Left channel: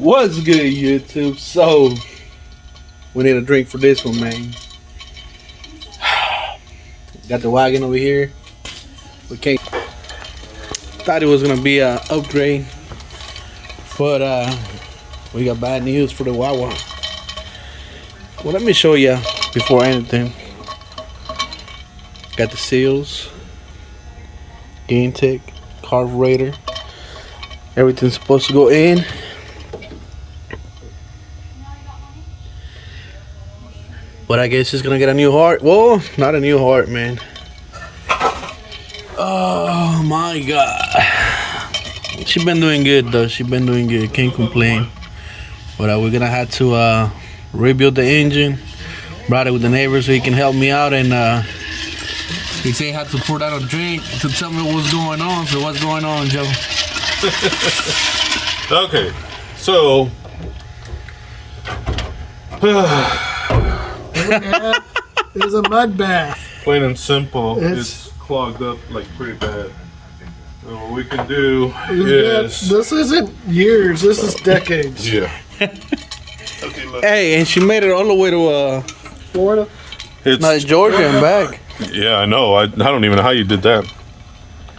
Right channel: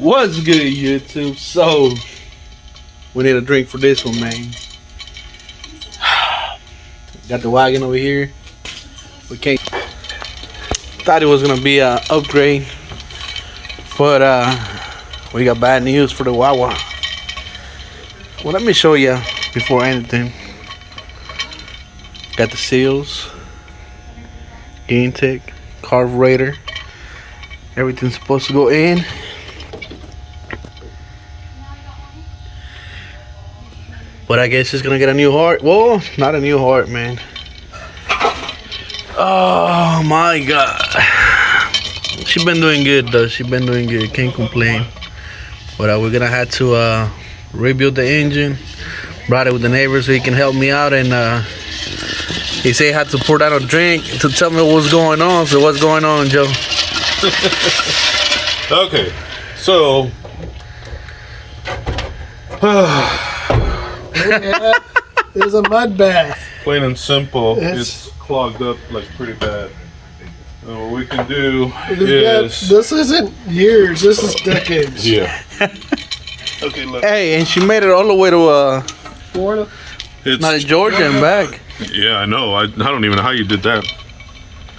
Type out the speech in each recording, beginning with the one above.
What's good, YouTube? So, we need a drink for this one, man. Got the wagon over here. We can't. Thought it was gonna be a upgrade, but we got bad news for the WAWA. Well, let me show you before anything. Got the seals, intake, carburetor. Everything's supposed to go in. But I guess it's gonna get a new heart. Well, not a new heart, man. Oh my God. She been doing good though. She been doing good. Can't complain. But we're gonna have to rebuild the engine. Brought it with the neighbor so he can help me out, and he said he had to pour down a drink to tell me what's going on. So what's going on, Joe? Okay, so It's a mud bath. plain and simple, it's clogged up like pretty bad. And what we can do is This isn't years, this is decades. yeah. Okay, look. Hey, and she made it all the way to Florida. not Georgia and back. Yeah, I know. I don't even know how you did that.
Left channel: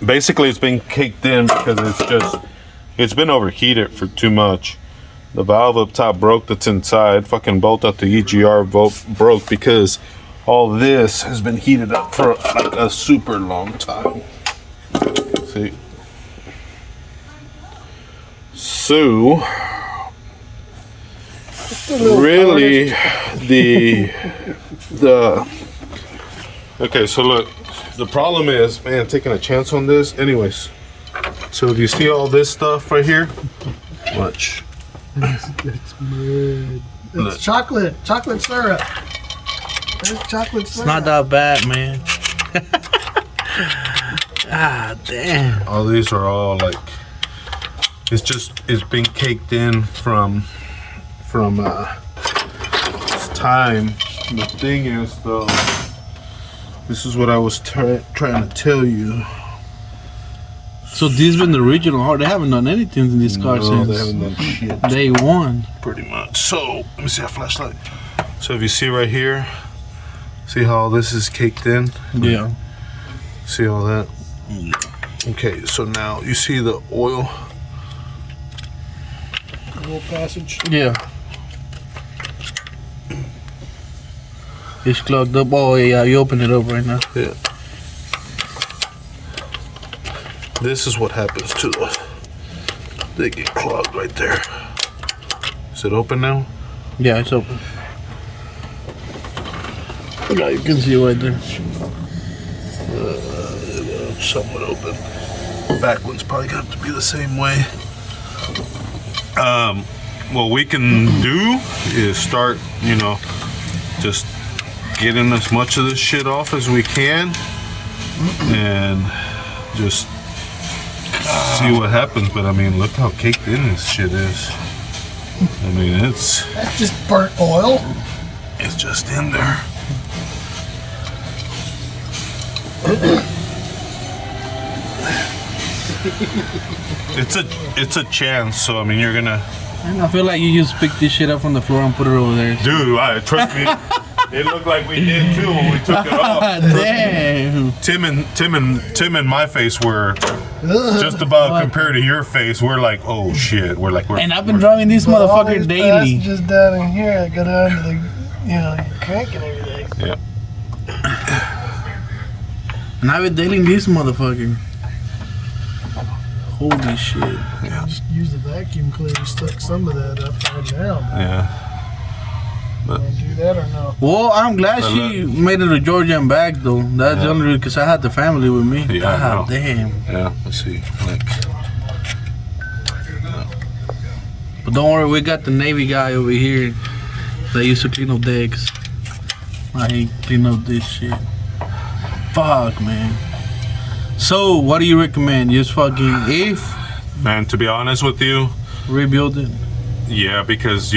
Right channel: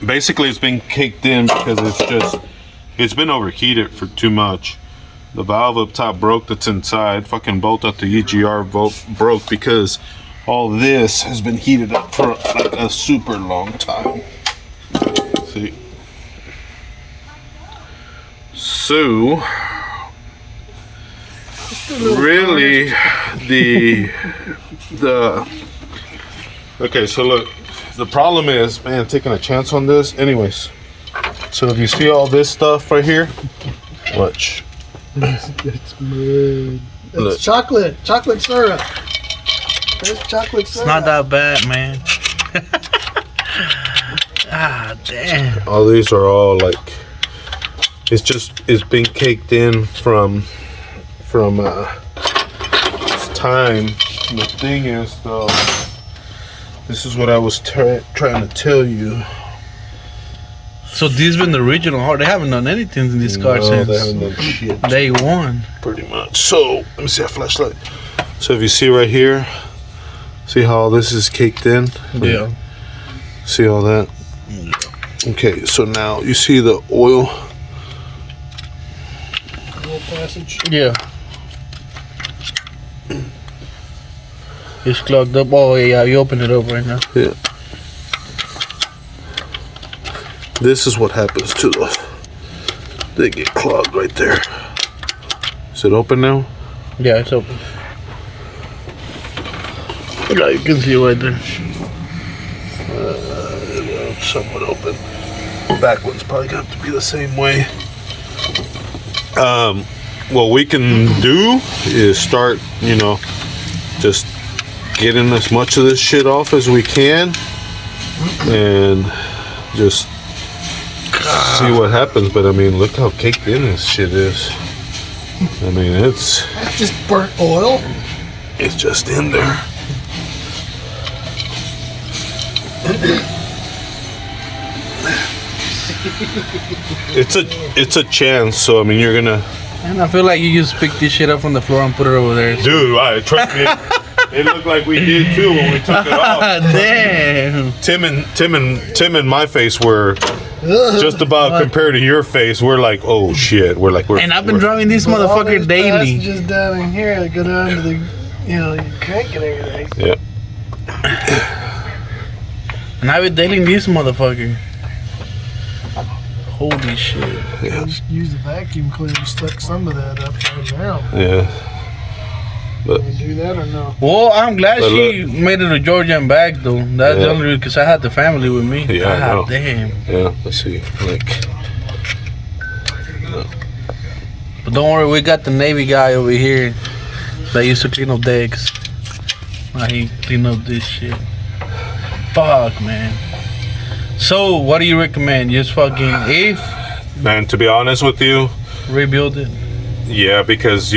Basically, it's been caked in because it's been overheated for too much. The valve up top broke that's inside. Fucking bolt out the EGR broke because all this has been heated up for like a super long time. See? So, really, okay, so look, the problem is, man, taking a chance on this. Anyways, so if you see all this stuff right here, watch. It's mud. It's chocolate syrup. It's chocolate syrup. It's not that bad, man. Ah, damn. All these are all like, it's been caked in from this time. The thing is though, this is what I was trying to tell you. So these been the original heart. They haven't done anything in this car No, since they haven't done shit. day one. Pretty much. So let me see a flashlight. So if you see right here, see how all this is caked in? Yeah. See all that? Okay, so now you see the oil. Little passage. Yeah. It's clogged up. Oh yeah, you open it up right now. Yeah. This is what happens to the. They get clogged right there. Is it open now? Yeah, it's open. Yeah, you can see it right there. Somewhat open. The back one's probably got to be the same way. What we can do is start, just getting as much of this shit off as we can, and just see what happens. But I mean, look how caked in this shit is. I mean, That's just burnt oil. it's just in there. It's a chance. So I mean, you're gonna. And I feel like you just picked this shit up from the floor and put it over there. Dude, trust me. It looked like we did too when we took it off. Damn. Tim and my face were just about compared to your face. We're like, oh shit. And I've been driving this motherfucker daily. Just down in here, I go down to the, your crank and everything. Yeah. And I've been daily this motherfucker. Holy shit. Yeah. Just use the vacuum cleaner, stuck some of that up right now. Yeah. But Want to do that or no? Well, I'm glad she made it to Georgia and back though. That's the only reason, because I had the family with me. Yeah, God damn. Yeah, let's see. But don't worry, we got the Navy guy over here that used to clean up decks. Now he clean up this shit. Fuck, man. So, what do you recommend? Just fucking Man, to be honest with you, rebuild it? yeah, because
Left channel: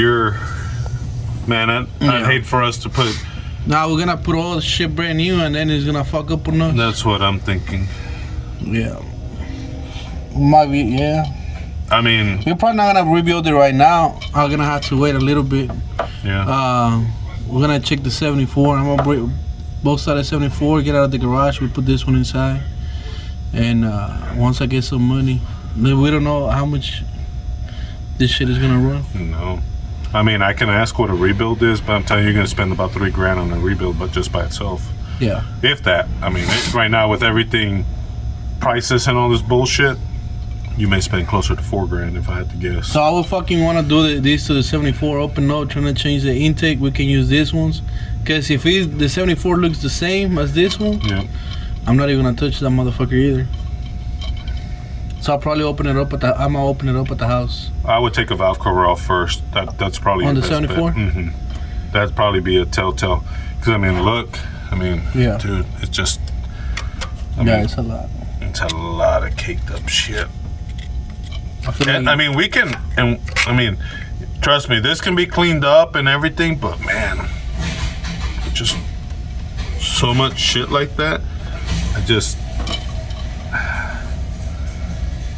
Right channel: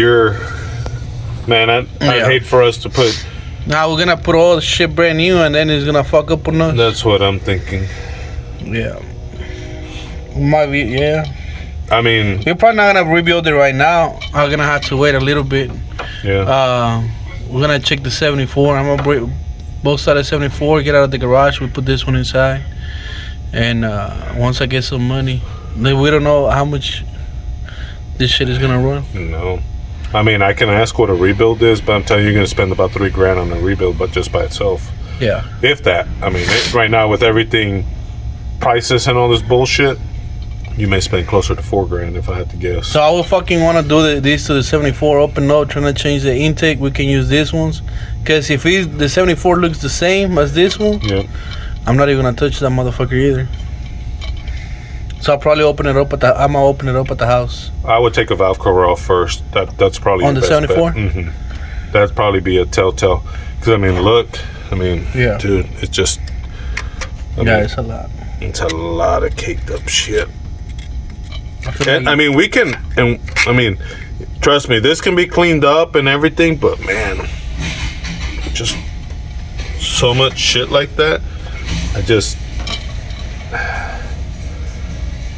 man, I hate for us to put. Now we're gonna put all the shit brand new and then it's gonna fuck up on us. That's what I'm thinking. Yeah. Might be, yeah. I mean, we're probably not gonna rebuild it right now. I'm gonna have to wait a little bit. yeah. We're gonna check the 74. I'm gonna break both sides of 74, get out of the garage. We put this one inside, and once I get some money, then we don't know how much this shit is gonna run. No. I mean, I can ask what a rebuild is, but I'm telling you, you're gonna spend about $3,000 on a rebuild, but just by itself. Yeah. If that. I mean, right now with everything, prices and all this bullshit, you may spend closer to $4,000 if I had to guess. So I would fucking want to do these to the 74 open up, trying to change the intake. We can use these ones, because if the 74 looks the same as this one, Yeah. I'm not even gonna touch that motherfucker either. So I'll probably open it up I'm gonna open it up at the house. I would take a valve cover off first. That's probably On your the best 74? bet. Mm-hmm. That'd probably be a telltale. Because I mean, look, Yeah. dude, it's just. It's a lot. It's a lot of caked up shit. I feel And, like I mean, we can, and I mean, trust me, this can be cleaned up and everything, but man, just so much shit like that.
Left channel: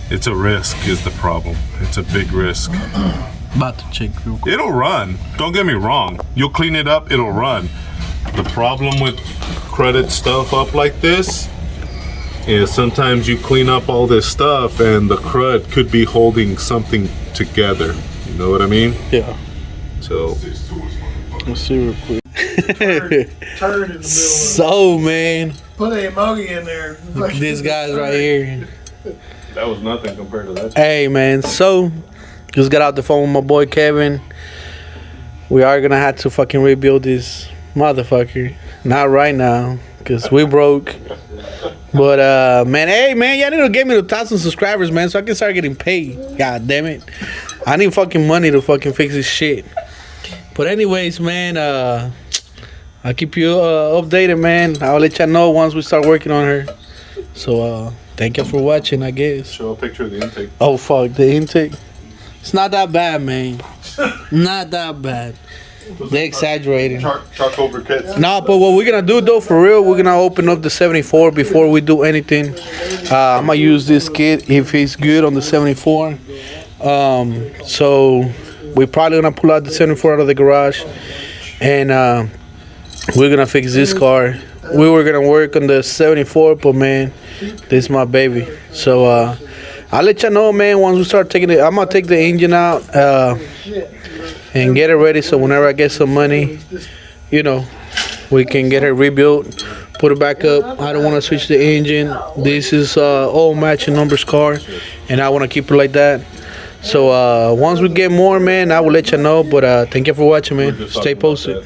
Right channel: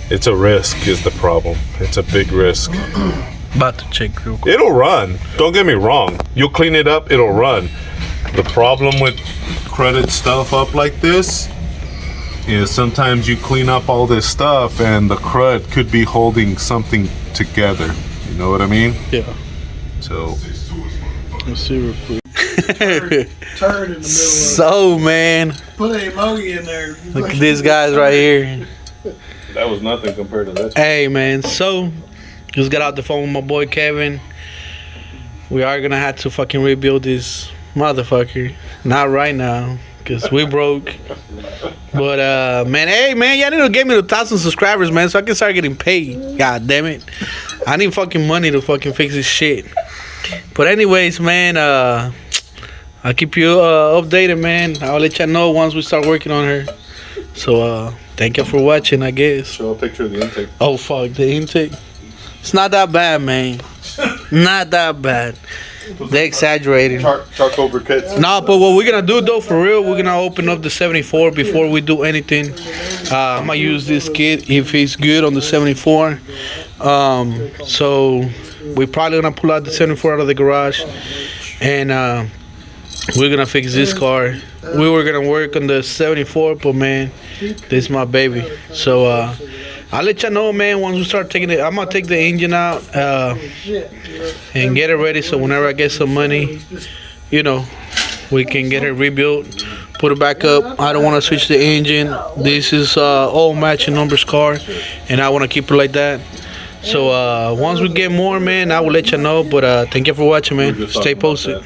It's a risk is the problem. It's a big risk. about to check real quick. It'll run. Don't get me wrong. You'll clean it up, it'll run. The problem with credit stuff up like this is sometimes you clean up all this stuff and the crud could be holding something together. You know what I mean? Yeah. So Let's see real quick. Turd in the middle. So man, Put a emoji in there. look at these guys right here. that was nothing compared to this. Hey man, so just got out the phone with my boy Kevin. We are gonna have to fucking rebuild this motherfucker. Not right now, cause we broke. But man, hey man, y'all need to get me to 1,000 subscribers, man, so I can start getting paid. God damn it, I need fucking money to fucking fix this shit. But anyways, man, I'll keep you updated, man. I'll let y'all know once we start working on her. So thank you for watching, I guess. Show a picture of the intake. Oh fuck, the intake. It's not that bad, man. Not that bad. They exaggerating. Chalk over kits. No, but what we're gonna do though, for real, we're gonna open up the 74 before we do anything. I'm gonna use this kit if it's good on the 74. So we're probably gonna pull out the 74 out of the garage, and we're gonna fix this car. We were gonna work on the 74, but man, this is my baby. So I'll let you know, man, once we start taking it. I'm gonna take the engine out and get it ready, so whenever I get some money, you know, we can get it rebuilt, put it back up. I don't want to switch the engine. This is all matching numbers car, and I want to keep it like that. So once we get more, man, I will let you know. But thank you for watching, man. Stay posted.